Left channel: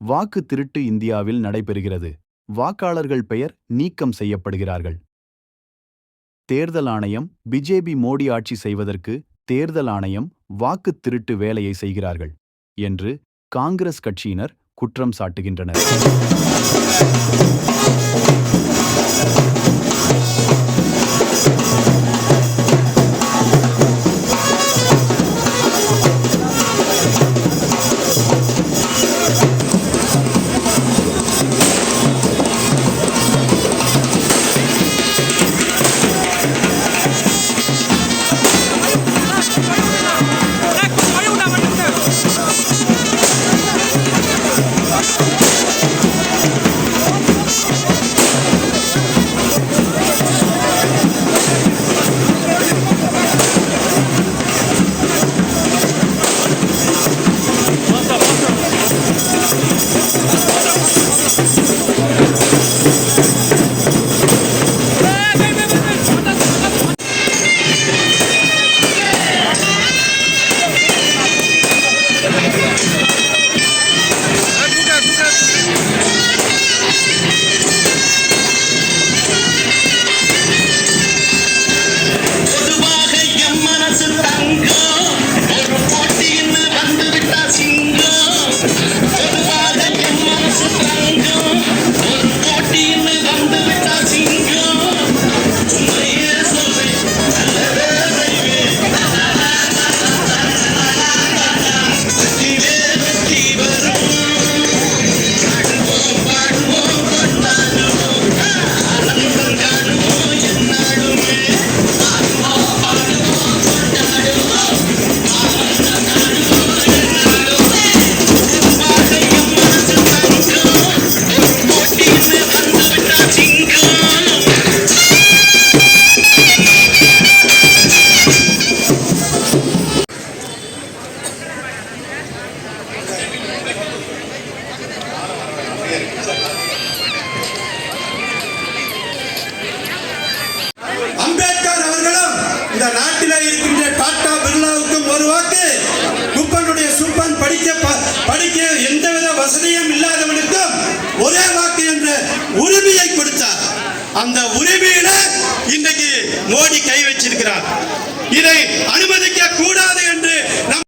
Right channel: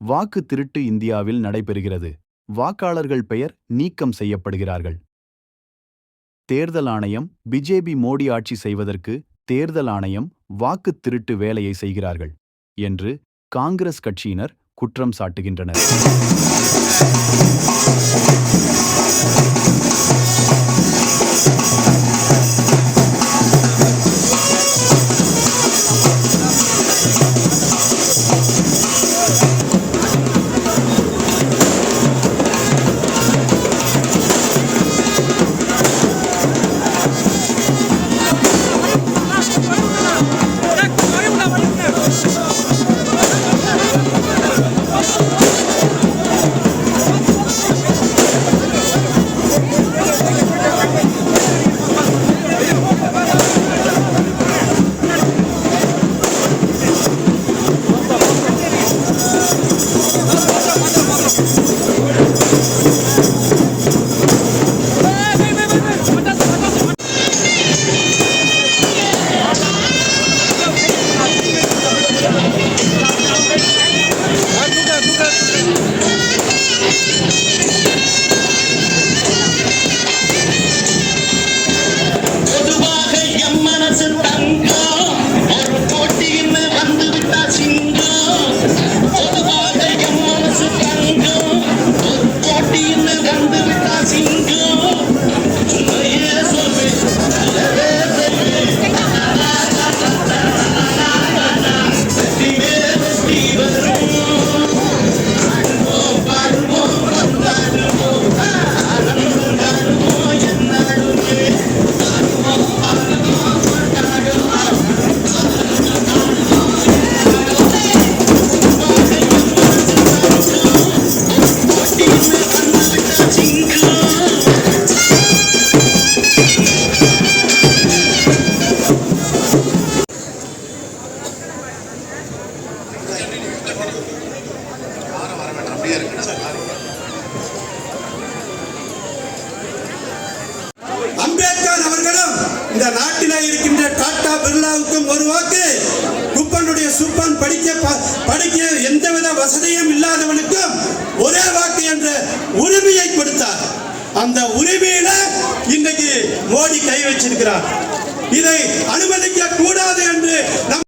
வாக்கு திருட்டு இந்தியாவில் நடைபெறுகிறது. வாக்காளர்கள் பெயர் நீக்கம் செய்யப்படுகிறார்கள். தேர்தல் ஆணையம் பிஜேபி மோடி ஆட்சி செய்வதற்கு தேர்தல் ஆணையம் வாக்கு திருட்டு வேலையை செய்கிறார்கள் என்று காங்கிரஸ் கட்சியினர் குற்றம் சாட்டுகின்றனர். இந்த நாட்டில் இருக்கின்ற டாடா பிர்லாவுக்கும் ஒரு வாக்கு. குப்பனுடைய சூப்பான் படிக்க படிக்க எந்தவித வசதியும் இல்லாதவனுக்கும் ஒரே வாக்கு என்ற உரிமையை கொடுத்தார். அந்த உரிமையில இன்னைக்கு மோடி கை வச்சிருக்கிறார். இதை அனுமதிக்க கூடாது என்று